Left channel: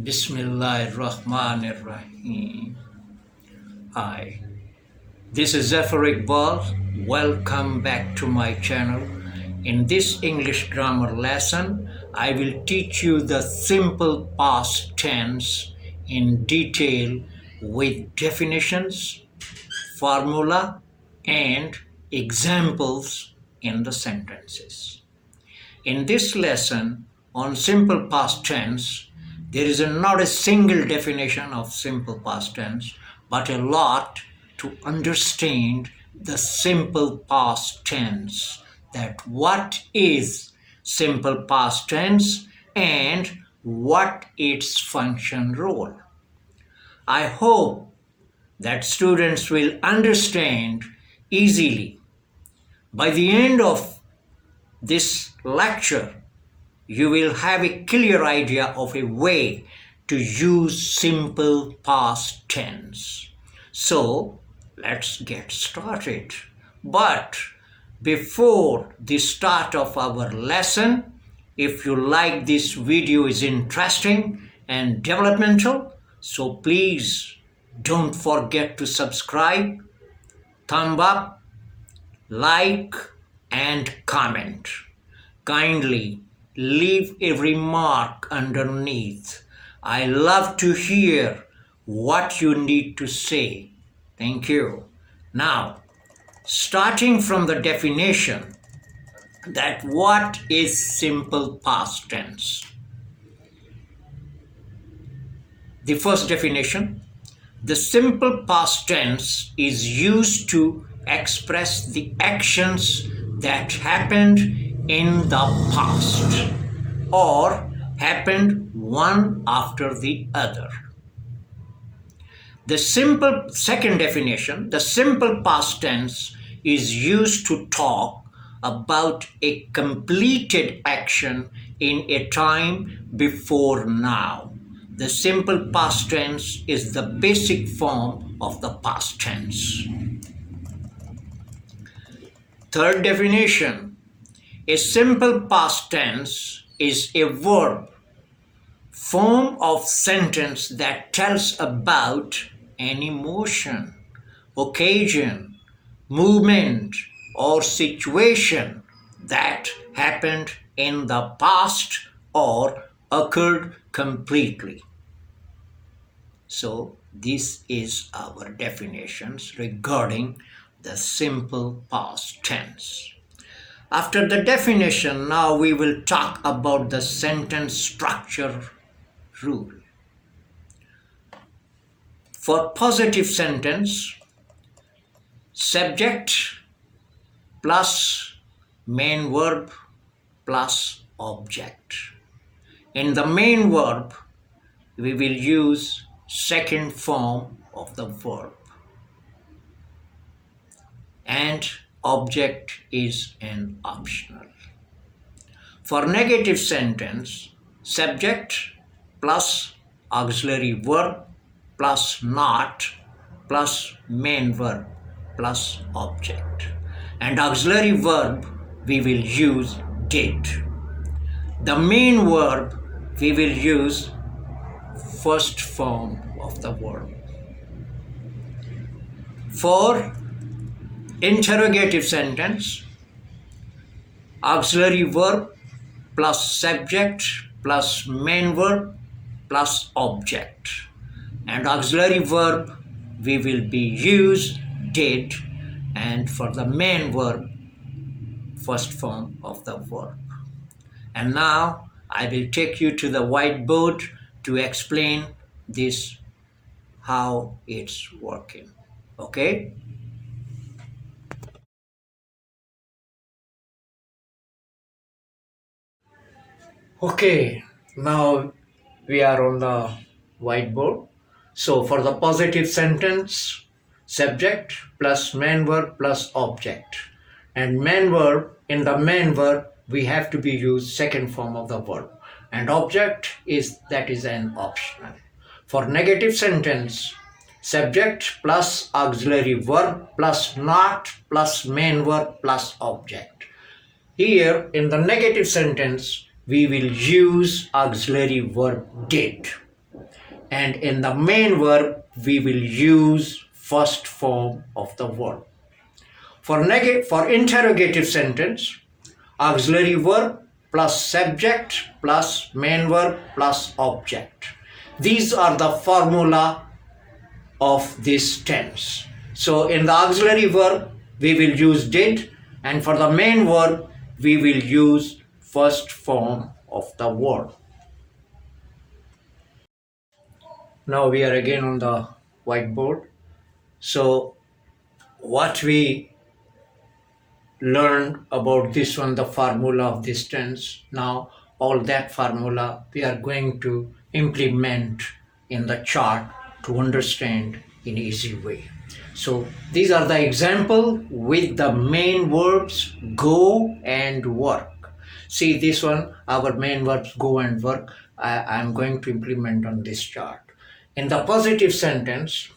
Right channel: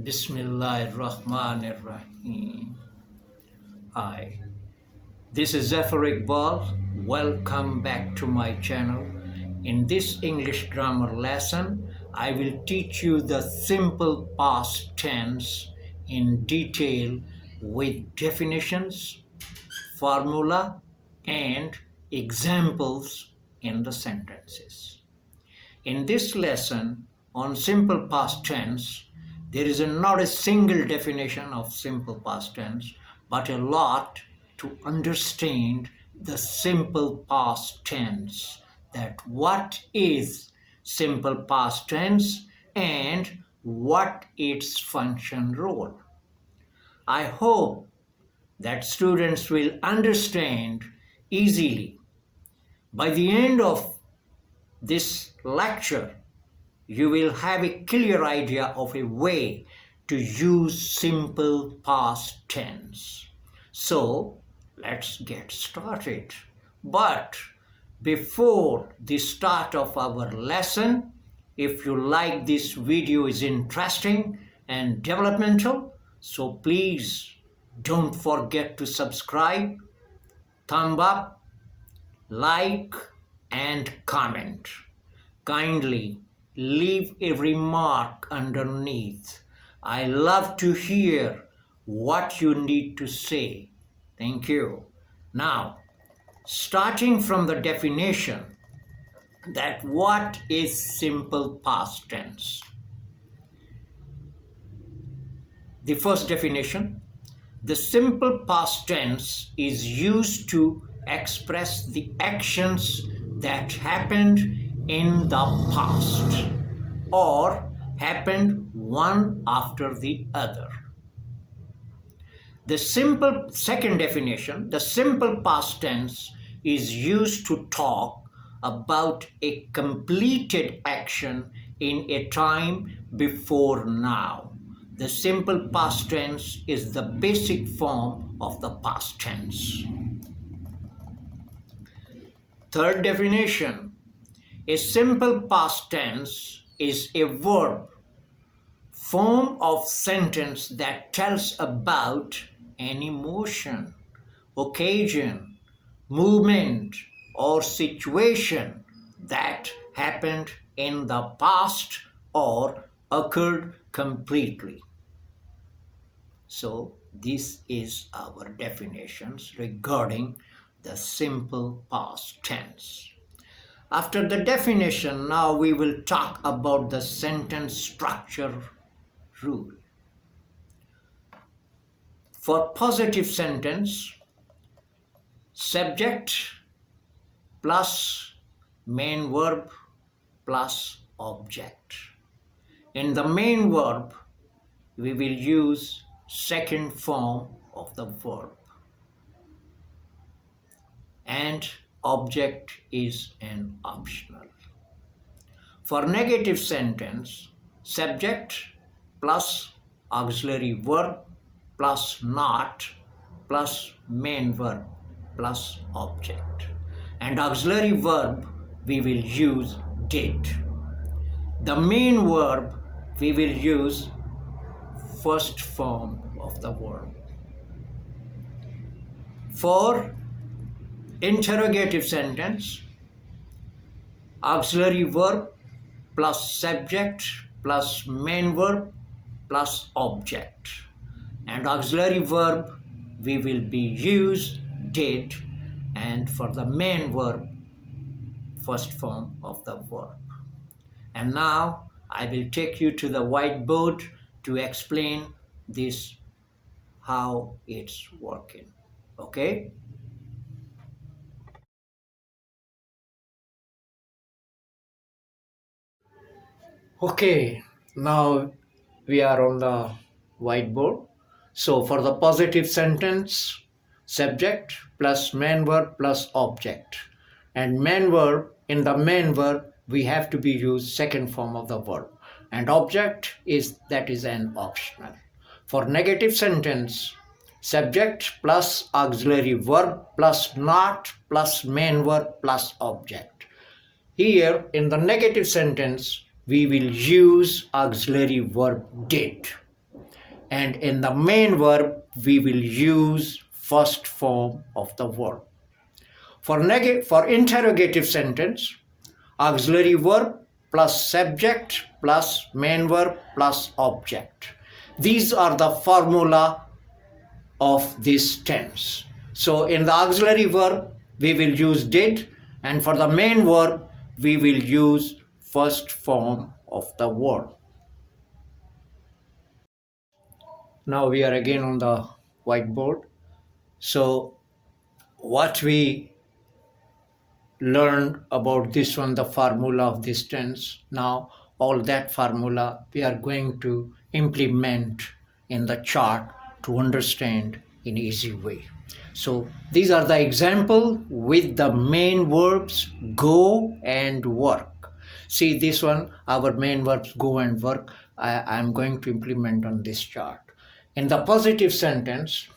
Bismillahirrahmanirrahim. Hi, this is ZAFARIQBAL. Welcome back to my channel. In this English grammar lesson, I will teach you the simple past tense in detail with definitions, formula, and examples in the sentences. In this lesson on simple past tense, there is not a single definition of simple past tense, but a lot to understand the simple past tense, that what is simple past tense and what its function role. I hope that students will understand easily. By the end of this lecture, you will have a clear idea of a way to use simple past tense. So let's get started. But before the start of our lesson, if you like this video is interesting and developmental, so please don't forget to subscribe, thumb up, like, and comment. Kindly leave a remark underneath. I love to hear what you need to say. Thank you. Now, starting from the definition, that what is simple past tense? The first definition, the simple past tense is used to express the actions that happened in the past or happened one after the other. The second definition, the simple past tense is used to talk about a completed action in a time before now. The simple past tense is the basic form of the past tense. Third definition, a simple past tense is a verb form of sentence that tells about an emotion, occasion, movement, or situation that happened in the past or occurred completely. So this is our definitions regarding the simple past tense. After the definition, now we will talk about the sentence structure rule. For positive sentence, subject plus main verb plus object. In the main verb, we will use second form of the verb, and object is an optional. For negative sentence, subject plus auxiliary verb plus not plus main verb plus object. And auxiliary verb we will use did. The main verb we will use first form of the verb. For interrogative sentence, auxiliary verb plus subject plus main verb plus object. And auxiliary verb we will be use did, and for the main verb first form of the verb. And now I will take you to the whiteboard to explain this, how it's working. Okay? Okay, now we are on the whiteboard. So for the positive sentence, subject plus main verb plus object. And main verb, in the main verb, we have to be used second form of the verb. And object is an optional. For negative sentence, subject plus auxiliary verb plus not plus main verb plus object. Here in the negative sentence, we will use auxiliary verb did. and in the main verb we will use first form of the verb. For interrogative sentence, auxiliary verb plus subject plus main verb plus object. These are the formula of this tense. So in the auxiliary verb we will use did, and for the main verb we will use first form of the verb. Now we are again on the whiteboard. So what we learned about this one, the formula of this tense, now all that formula we are going to implement in the chart to understand in easy way. So these are the example with the main verbs go and work. See this one, our main verbs go and work. I am going to implement on this chart. In the positive sentence,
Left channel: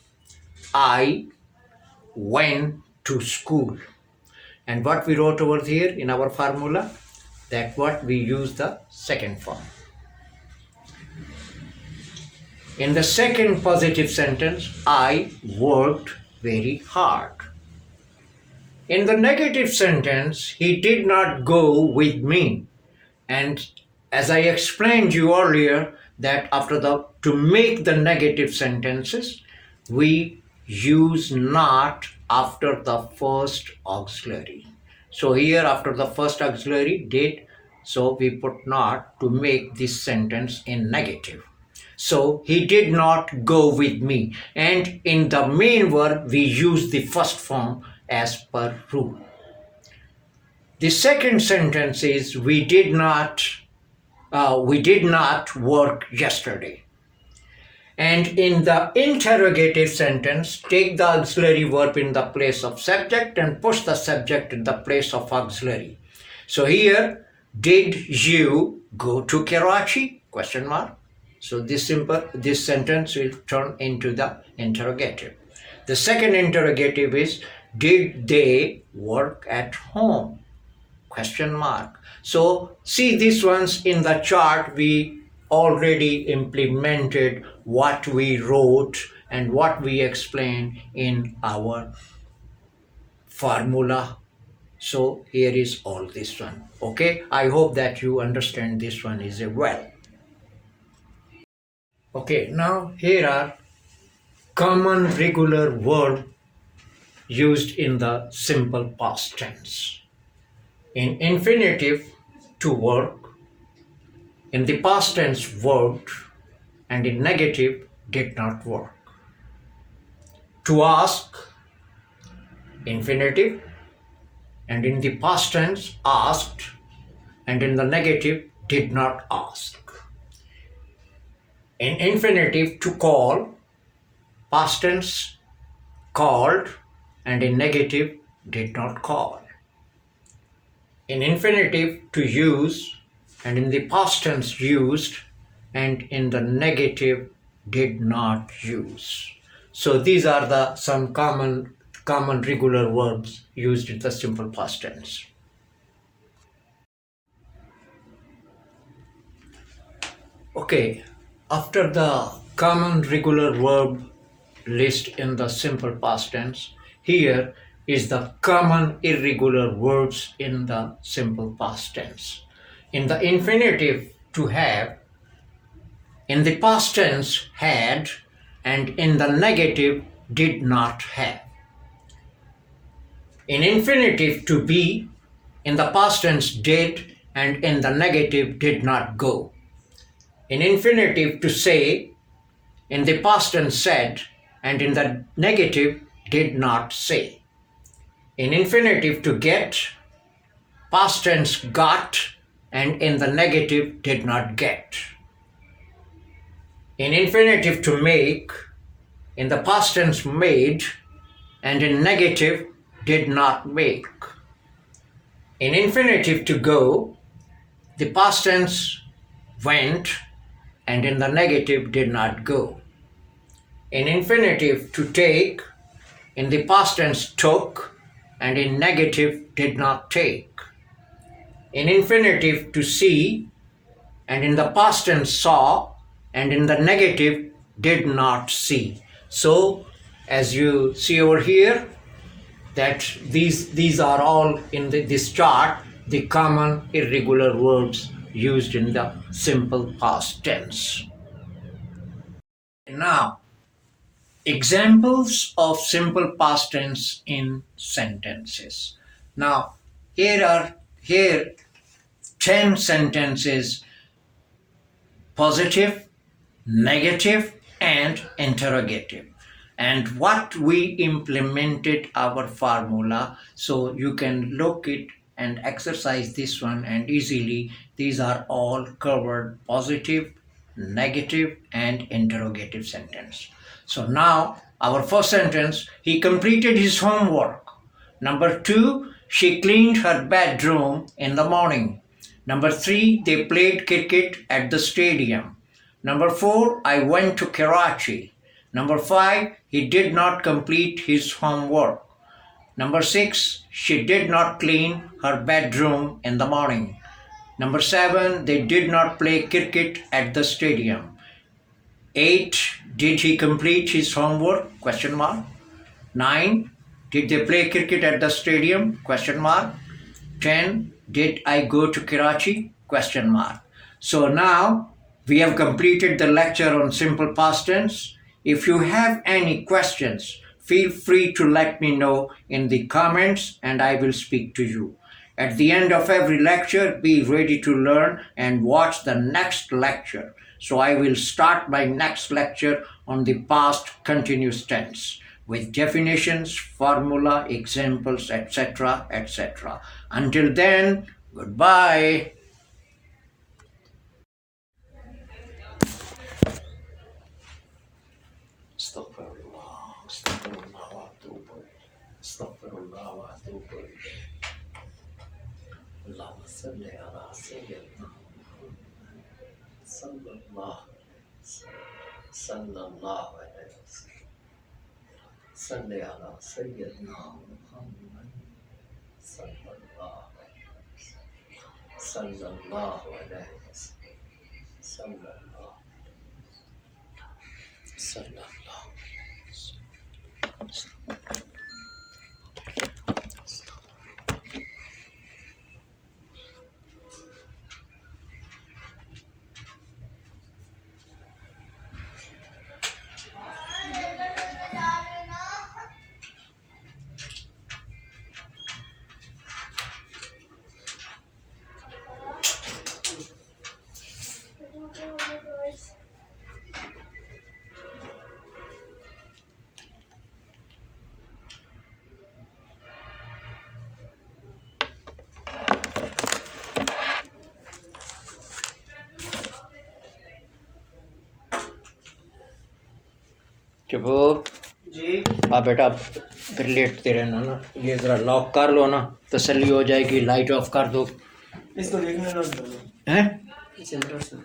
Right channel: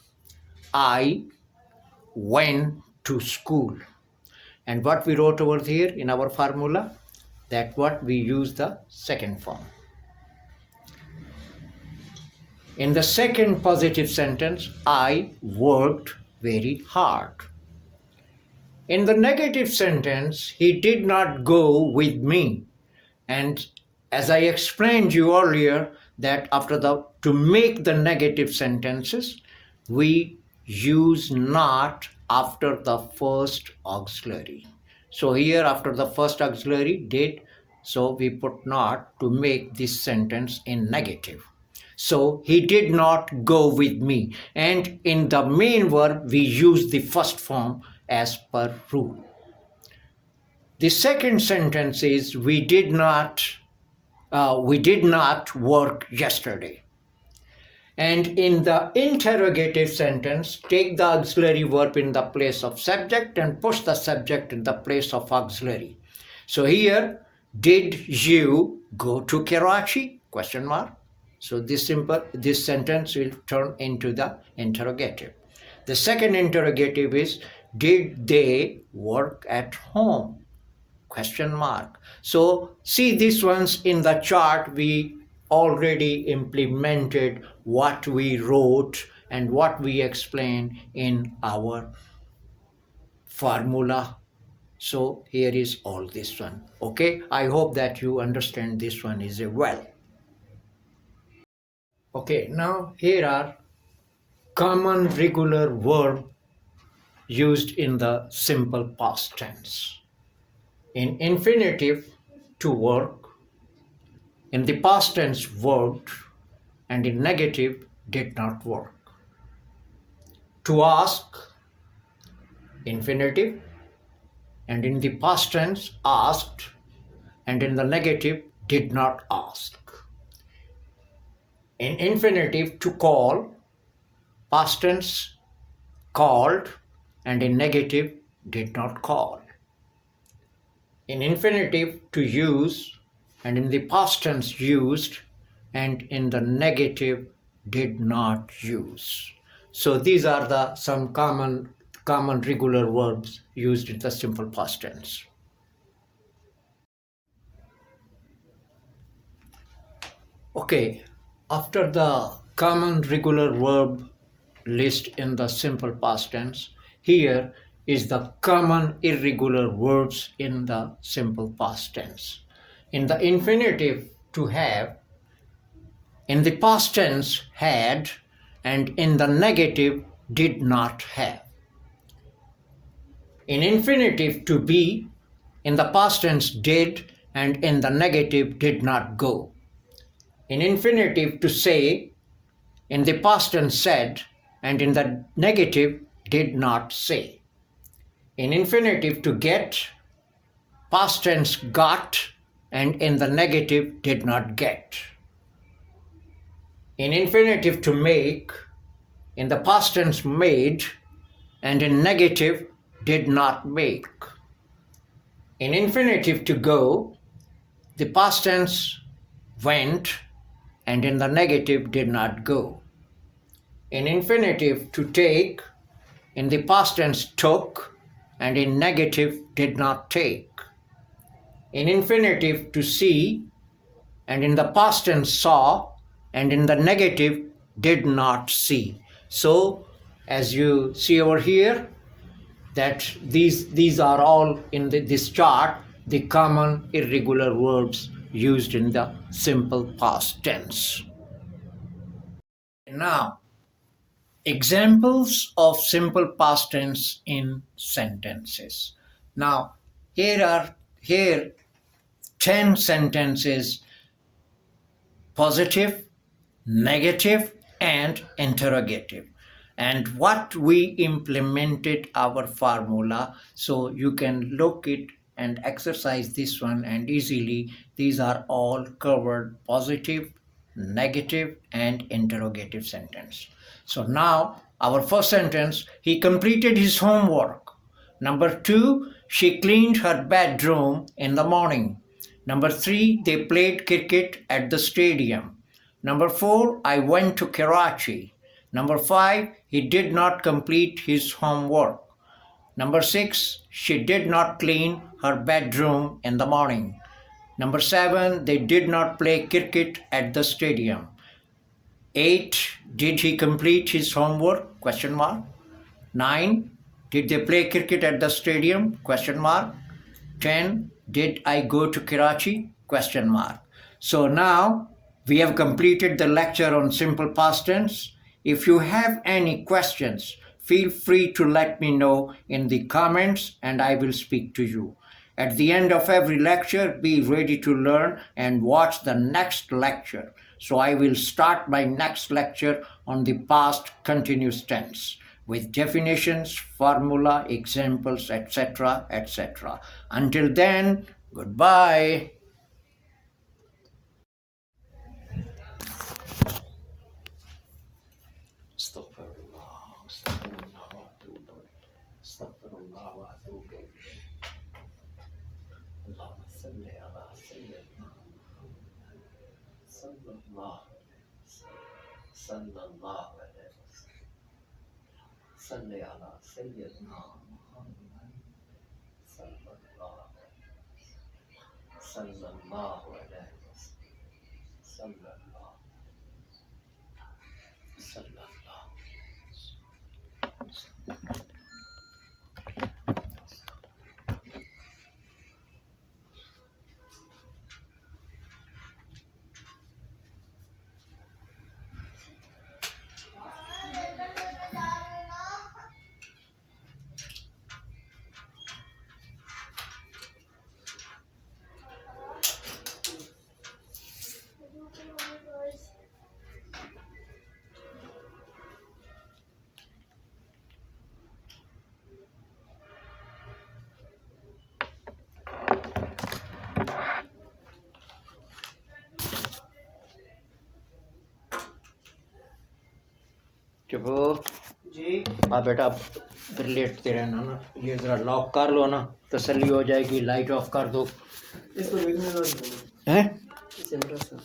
I went to school. And what we wrote over here in our formula, that what we use the second form. In the second positive sentence, I worked very hard. In the negative sentence, he did not go with me. And as I explained you earlier, that to make the negative sentences, we use not after the first auxiliary. So here after the first auxiliary did, so we put not to make this sentence in negative. So he did not go with me, and in the main verb we use the first form as per rule. The second sentence is we did not work yesterday. And in the interrogative sentence, take the auxiliary verb in the place of subject and push the subject in the place of auxiliary. So here, did you go to Karachi? Question mark. So this sentence will turn into the interrogative. The second interrogative is, did they work at home? Question mark. So see these ones in the chart, we already implemented what we wrote and what we explained in our formula. So here is all this one. Okay, I hope that you understand this one is well. Okay, now here are common regular verbs used in the simple past tense. In infinitive, to work. In the past tense, worked, and in negative, did not work. To ask, infinitive, and in the past tense, asked, and in the negative, did not ask. In infinitive, to call, past tense, called, and in negative, did not call. In infinitive, to use, and in the past tense used, and in the negative did not use. So these are some common regular verbs used in the simple past tense. Okay, after the common regular verb list in the simple past tense, here is the common irregular words in the simple past tense. In the infinitive, to have, in the past tense, had, and in the negative, did not have. In infinitive, to be, in the past tense, did, and in the negative, did not go. In infinitive, to say, in the past tense, said, and in the negative, did not say. In infinitive, to get, past tense, got, and in the negative, did not get. In infinitive, to make, in the past tense, made, and in negative, did not make. In infinitive, to go, the past tense, went, and in the negative, did not go. In infinitive, to take, in the past tense, took, and in negative, did not take. In infinitive, to see, and in the past tense, saw, and in the negative, did not see. So as you see over here, that these are all in this chart, the common irregular verbs used in the simple past tense. Now, examples of simple past tense in sentences. Now, here 10 sentences: positive, negative, and interrogative. And what we implemented our formula, so you can look it and exercise this one, and easily these are all covered: positive, negative, and interrogative sentence. So now our first sentence: he completed his homework. Number two, she cleaned her bedroom in the morning. Number three, they played cricket at the stadium. Number four, I went to Karachi. Number five, he did not complete his homework. Number six, she did not clean her bedroom in the morning. Number seven, they did not play cricket at the stadium. 8. Did he complete his homework? Question mark. 9. Did they play cricket at the stadium? Question mark. 10. Did I go to Karachi? Question mark. So now we have completed the lecture on simple past tense. If you have any questions, feel free to let me know in the comments and I will speak to you. At the end of every lecture, be ready to learn and watch the next lecture. So I will start my next lecture on the past continuous tense with definitions, formula, examples, etc., etc. Until then, goodbye. صلي على سيدنا محمد صلى الله عليه وسلم صلى الله عليه وسلم صلى الله صلى الله चुपो जी। हाँ बेटा, फिर लेटते रहना ना, ये जरा lock कर लो ना, तसल्ली हो जाएगी। लाइट ऑफ कर दो। इसको देखने ना हैं सेंटर से।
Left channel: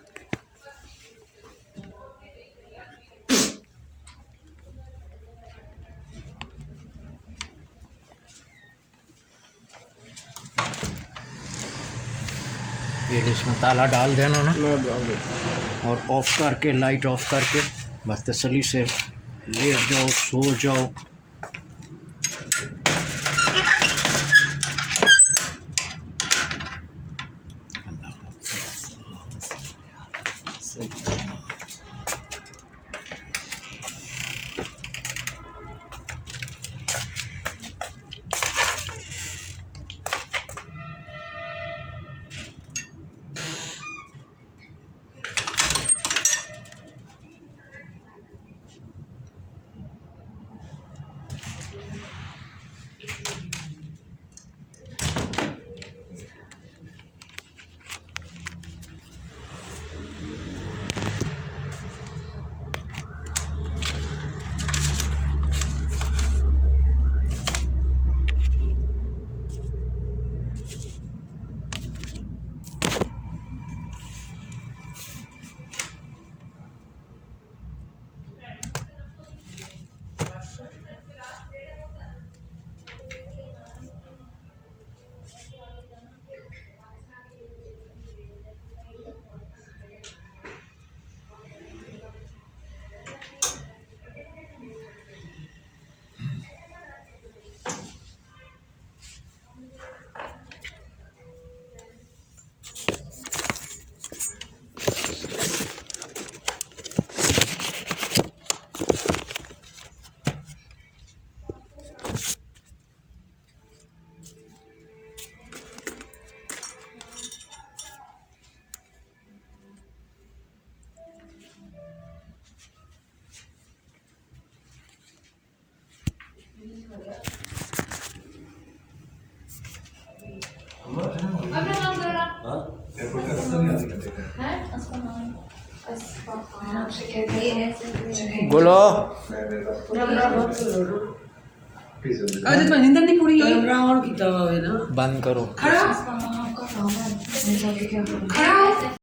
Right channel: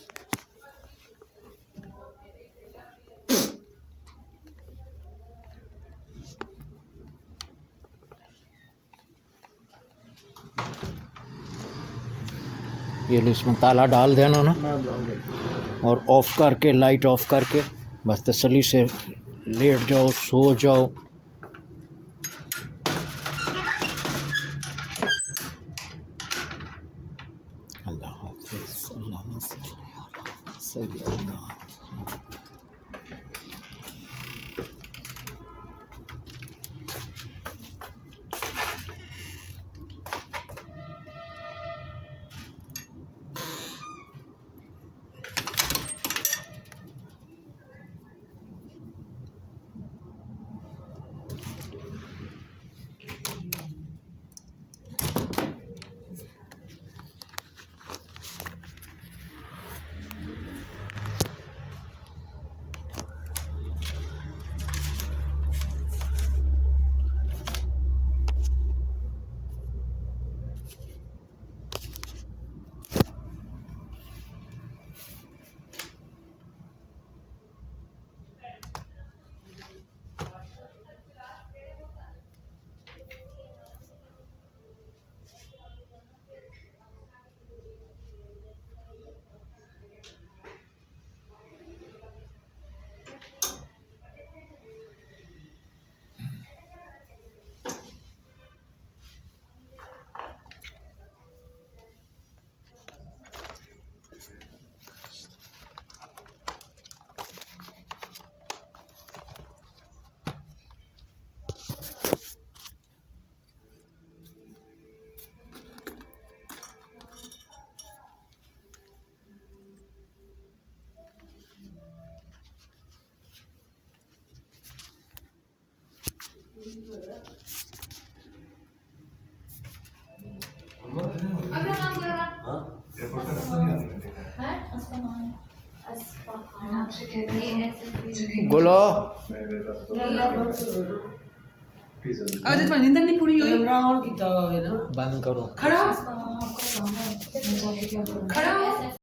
ये इसमें ताला डाल देना ना, और ऑफ करके, लाइट ऑफ करके बस तसल्ली से लेट जाओ, सो जाओ। बोलो अरे तो नींद नहीं पूरी हुई और कितना हुआ है ना बंद करो खड़ा